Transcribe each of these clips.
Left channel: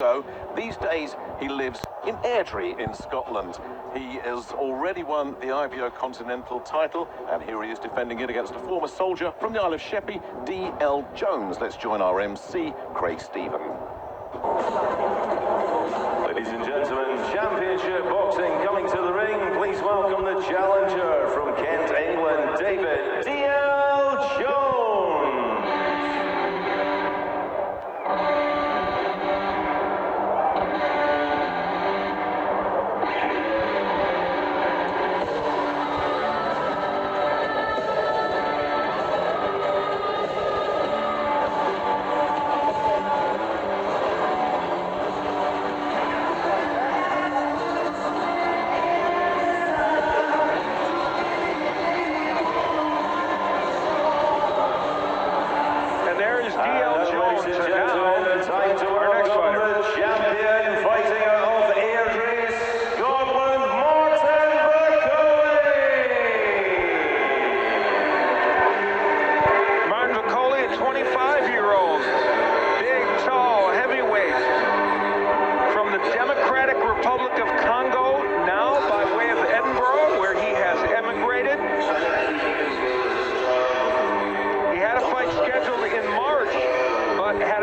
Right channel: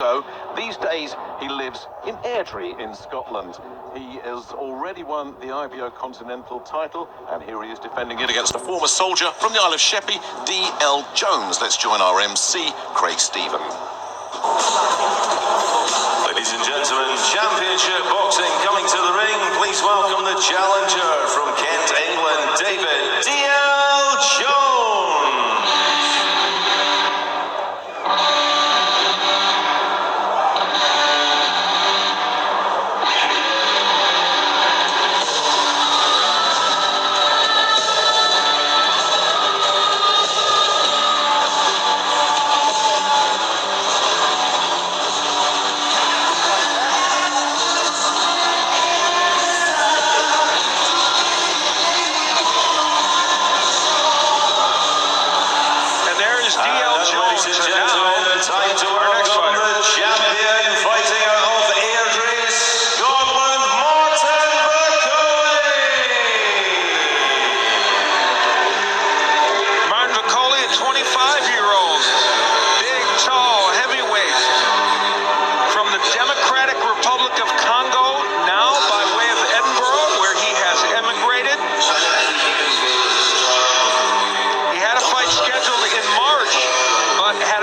So these days he lives in Airdrie in Scotland. He has already won the IBO Continental title, and here he is defending it against a former soldier from the Isle of Sheppey, D.L. Jones. Let's join our MC, Craig Stephen. Ladies and gentlemen, championship boxing coming to the ring. Please welcome the challenger from Kent, England, David D.L. Jones.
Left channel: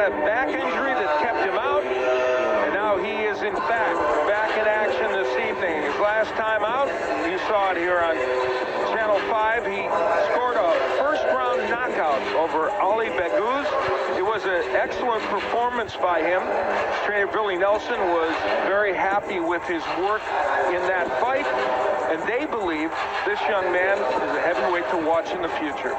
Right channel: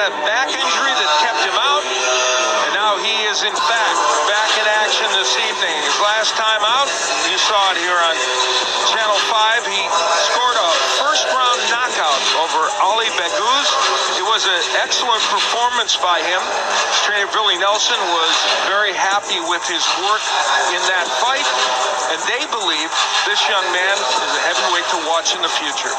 Back injury that kept him out, and now he is in fact back in action this evening. His last time out, you saw it here on Channel 5, he scored a first-round knockout over Ali Beguz. It was an excellent performance by him. His trainer Billy Nelson was very happy with his work in that fight, and they believe this young man is a heavyweight to watch in the future.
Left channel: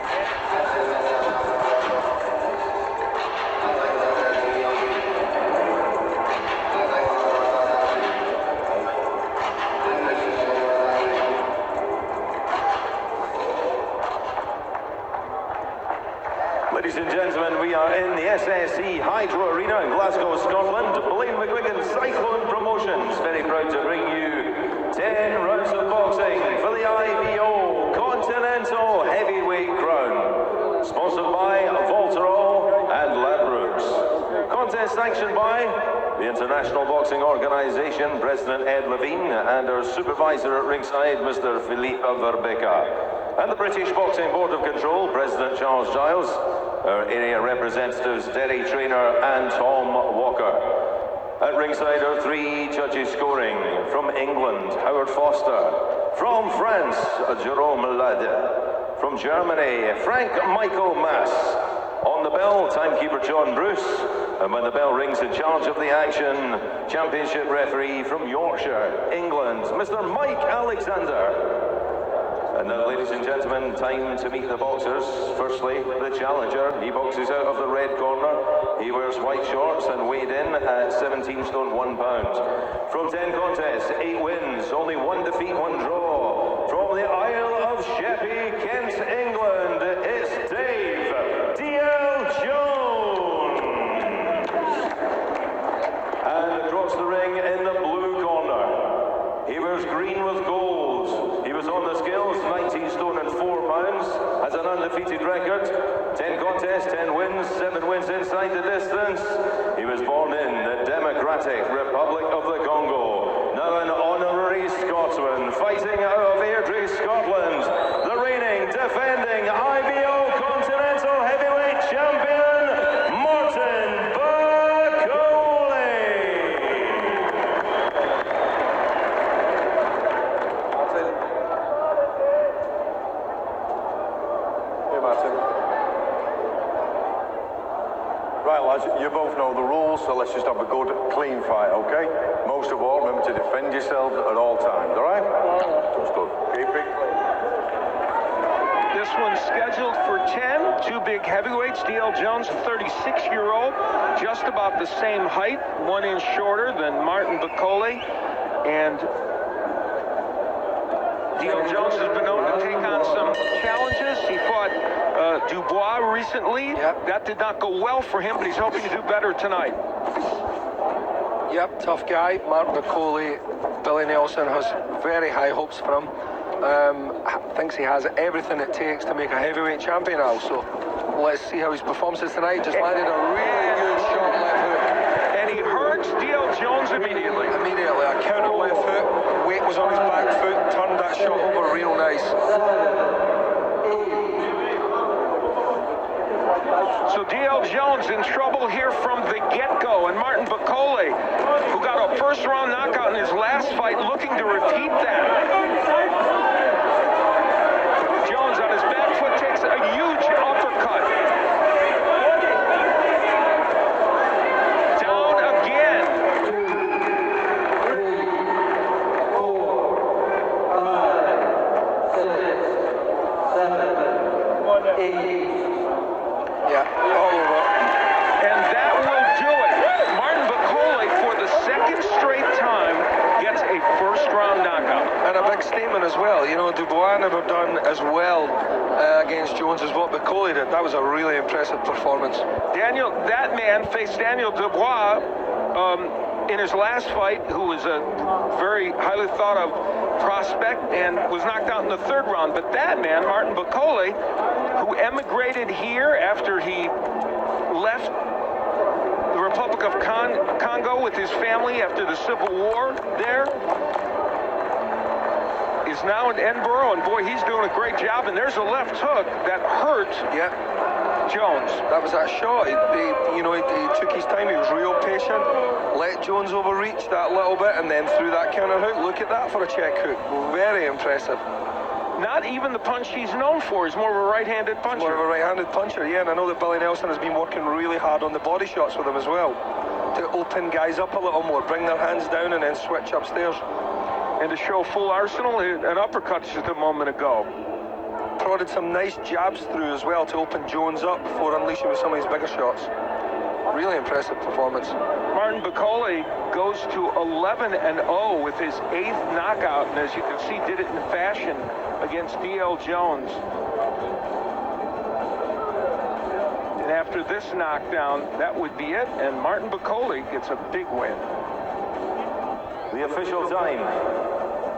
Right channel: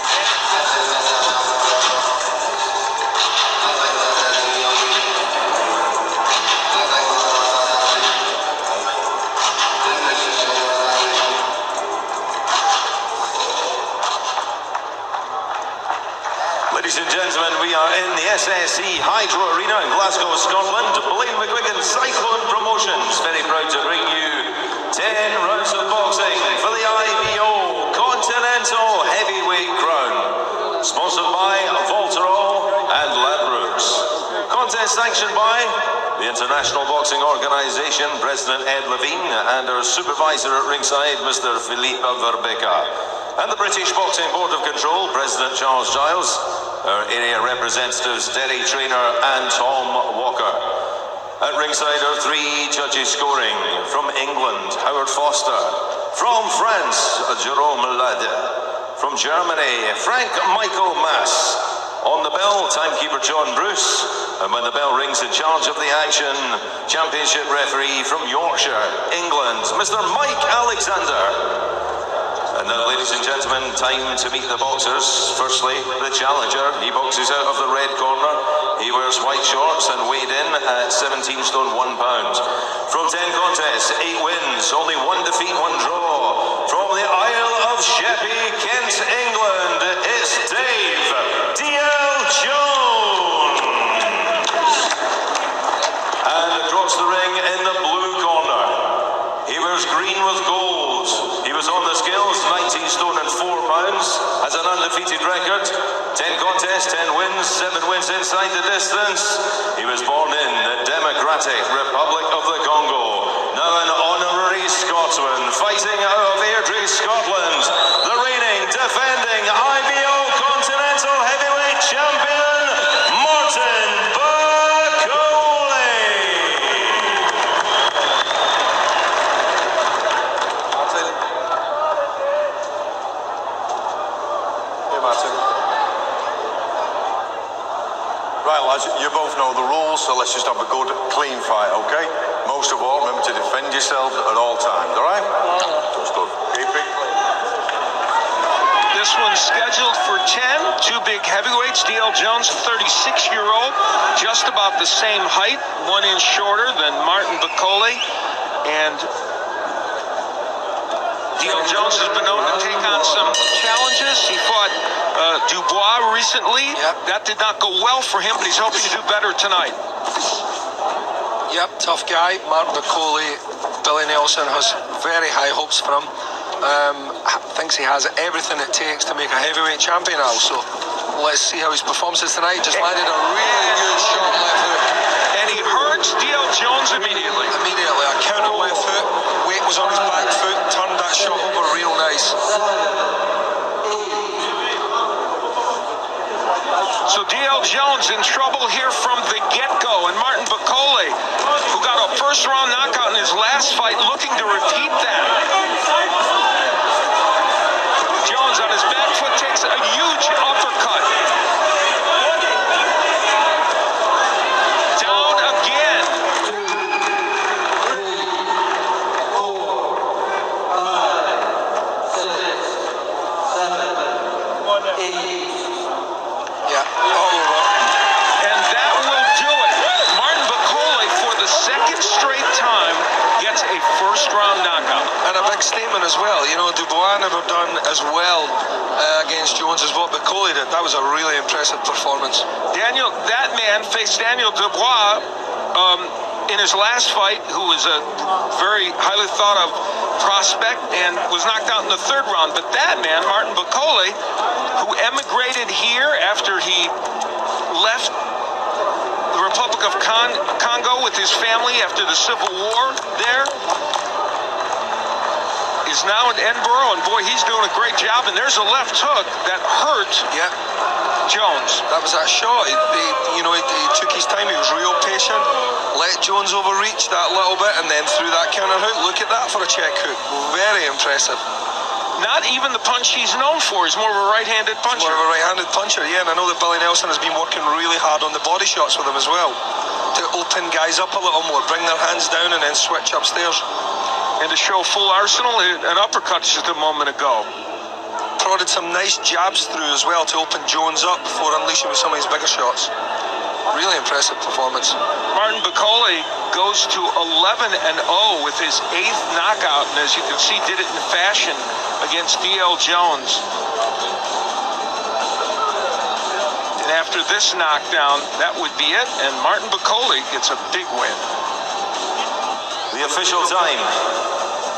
Ladies and gentlemen, we are in the SSE Hydro Arena in Glasgow, Scotland. Blaine McGuigan Cyclone Promotions, very proud to bring you 10 rounds of boxing for the IBO Continental Heavyweight Crown. Sponsored by Volterol and Ladbrokes. Contest sanctioned by the International Boxing Organization, President Ed Levine, and our supervisor at ringside, Mr. Philippe Verbeka. And the British Boxing Board of Control, President Charles Giles, our area representatives, Derry Trainer and Tom Walker. At ringside are 3 judges scoring. From England, Howard Foster. From France, Jerome Lade. From Germany, Frank Michael Mass. On the bell, timekeeper John Bruce. And when the bell rings, in charge of the action, championship referee from Yorkshire, England, Mr. Mike Alexander. And now, ladies and gentlemen, time to meet the boxers. Firstly, the challenger. He boxes out of the red corner. He wears white shorts and weighed in at 17 stone 1 pound. From 10 contests, 8 wins, only 1 defeat, 1 draw. From the Isle of Sheppey, Kent, England, it's Dave D.L. Jones. And across the ring in the blue corner, he wears green with gold. He was on the scales, 19 stone and 4 pounds, has an undefeated record, 10 contests, 10 wins, 7 wins inside the distance. He was born in the Democratic Republic of the Congo, now an honorary Scotsman, fighting out of Airdrie, Scotland, the reigning, defending IBO Continental Heavyweight Champion, Martin Bakole. Right, lads, you both know the rules, so let's just have a good, clean fight, okay? Most of all, remember to defend yourselves at all times, all right? That's good. Keep it clean. This one's scheduled for 10. 2 big heavyweights. D.L. Jones, a 36-year-old, just about the same height, 1 inch shorter than Martin Bakole. And D.L. Jones has been known to take on some challenges. He fought Dubois recently. Yep. That did not go well for him, but he's hoping to do better tonight. Yep, tough guy. Martin Bakole, Billy Nelson has very high hopes for him. Thinks he has everything it takes to make a heavyweight champion also. Let's see how his performance is tonight. Just landed a really good shot left hook. And he heard marks D.L. Jones immediately. Immediately, a counter left hook, weight was on his back foot, turned that shot over real nice. So D.L. Jones in trouble here from the get-go, and Martin Bakole, who got a first-round knockout in his last fight, looking to repeat that. Jones on his back foot takes a huge uppercut. Down again. Yeah, all over. And that will do it. Martin Bakole, for the second straight time, gets a first-round knockout. And a big statement as well. You know, Dubois never done as well against Jones as what Bakole did. That was a really impressive performance. That man faced Daniel Dubois in his last fight, who was a very highly thought of prospect and was knocked out in the third round. But that man, Martin Bakole, who emigrated here after he left the Republic of Congo with his family after the Civil War there, is now in Edinburgh, and boy, he's doing a great job. And there's a left hook that hurt Jones. That was that shot. He took his time. He was real patient. Let Jones overreach that little bit, and then threw that counter hook. Look at that for a check hook. Very impressive. Not even the punch he's known for. He's more of a right-handed puncher. More of a right-handed puncher, yeah. And I know that Billy Nelson has been working really hard on the body shots with him as well, to open guys up a little more, bring their hands down, and then switch upstairs. And to show full arsenal, an uppercut just a moment ago. Prodded some nice jabs through as well to open Jones up before unleashing with some of his bigger shots. Really impressive performance. Martin Bakole goes to 11-0 with his 8th knockout, and as you can see, did it in fashion against D.L. Jones. And after this knockdown, that would be it, and Martin Bakole gets a big win. The official time,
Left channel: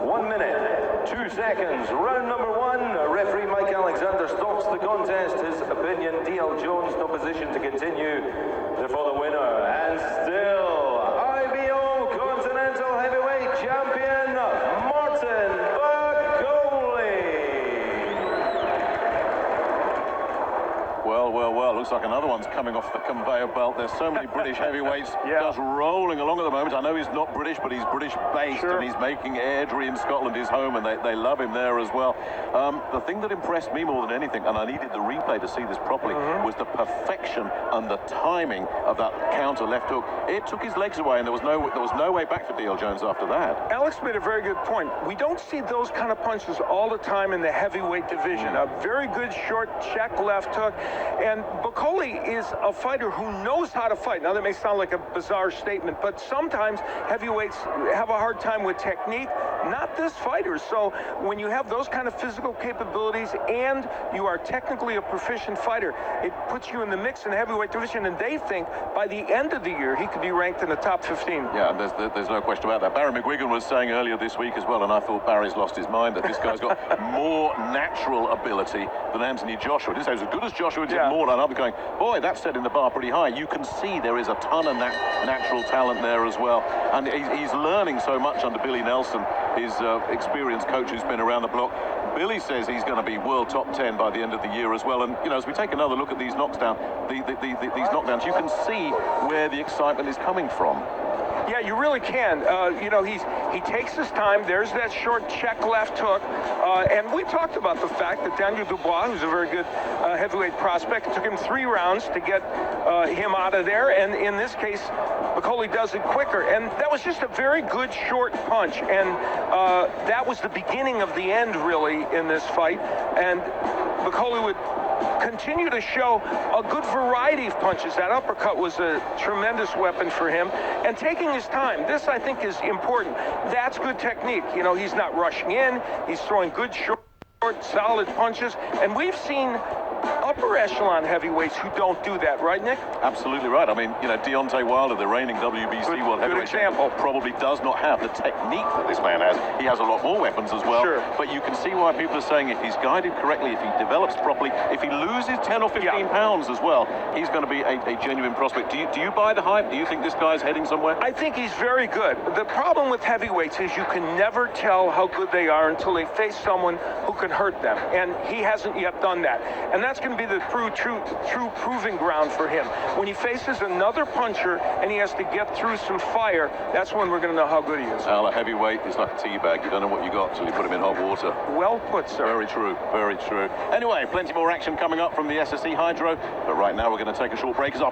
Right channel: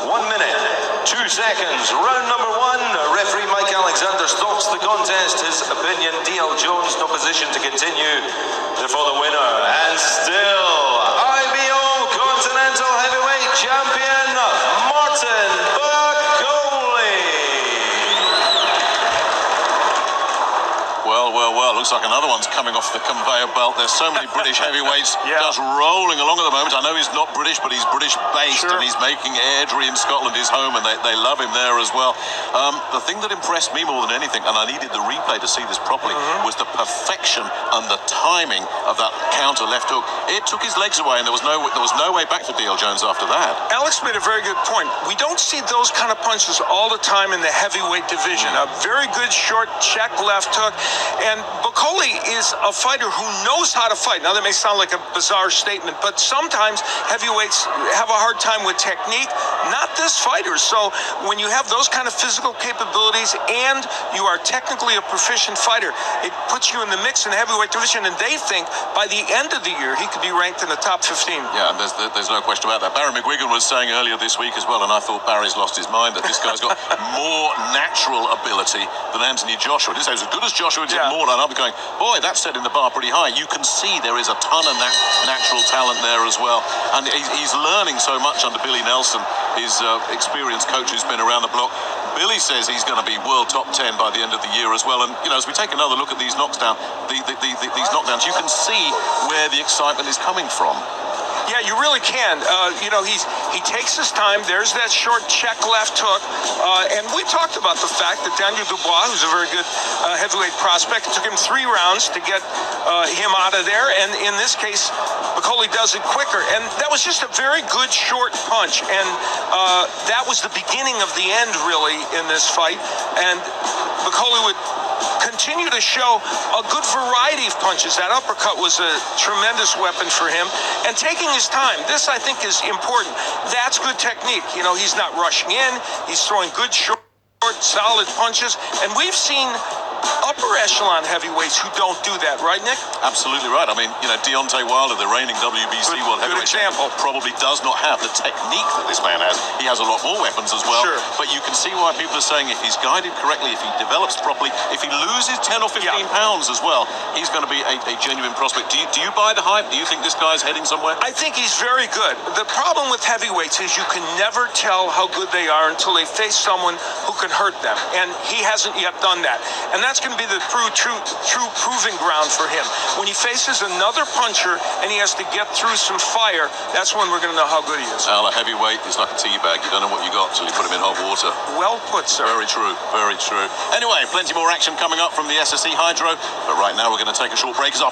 1 minute, 2 seconds. Round number 1, referee Mike Alexander stops the contest. His opinion, D.L. Jones, no position to continue. Therefore the winner, and still IBO Continental Heavyweight Champion, Martin Bakole. Well, looks like another one's coming off the conveyor belt. There's so many British heavyweights just rolling along at the moment. I know he's not British, but he's British-based, and he's making Airdrie in Scotland his home, and they love him there as well. The thing that impressed me more than anything, and I needed the replay to see this properly, was the perfection and the timing of that counter left hook. It took his legs away, and there was no way back for D.L. Jones after that. Alex made a very good point. We don't see those kind of punches all the time in the heavyweight division. A very good short check left hook. And Bakole is a fighter who knows how to fight. Now, that may sound like a bizarre statement, but sometimes heavyweights have a hard time with technique. Not this fighter. So when you have those kind of physical capabilities and you are technically a proficient fighter, it puts you in the mix in the heavyweight division, and they think by the end of the year he could be ranked in the top 15. Yeah, and there's no question about that. Barry McGuigan was saying earlier this week as well, and I thought Barry's lost his mind, that this guy's got more natural ability than Anthony Joshua. He didn't say he was as good as Joshua, did more, and I'm going, boy, that's setting the bar pretty high. You can see there is a ton of natural talent there as well, and he's learning so much under Billy Nelson, his experienced coach who's been around the block. Billy says he's going to be world top 10 by the end of the year as well. And, as we take another look at these knockdowns, these knockdowns, you can see where the excitement is coming from. Yeah, you really can. He takes his time. There's that short check left hook. And we talked about the fact that Daniel Dubois, who's a very good heavyweight prospect, it took him 3 rounds to get him out of there. And in this case, Bakole does it quicker. And that was just a very good short punch. And that was the beginning of the end, really, in this fight. And Bakole would continue to show a good variety of punches. That uppercut was a tremendous weapon for him. And taking his time, this I think is important. That's good technique. He's not rushing in. He's throwing good short, solid punches. And we've seen upper echelon heavyweights who don't do that, right, Nick? Absolutely right. I mean, Deontay Wilder, the reigning WBC World Good Heavyweight example. Champion, probably does not have the technique that this man has. He has a lot more weapons as well. Sure. But you can see why people are saying if he's guided correctly, if he develops properly, if he loses 10 or 15 pounds as well, he's going to be a genuine prospect. Do you buy the hype? Do you think this guy's heading somewhere? I think he's very good. The problem with heavyweights is you can never tell how good they are until they face someone who can hurt them. And he hasn't yet done that. And that's going to be the true proving ground for him. When he faces another puncher and he has to get through some fire, that's when we're going to know how good he is. Al, a heavyweight is like a tea bag. You don't know what you got until you put him in hot water. Well put, sir. Very true, very true. Anyway, plenty more action coming up from the SSE Hydro. But right now we're going to take a short break as our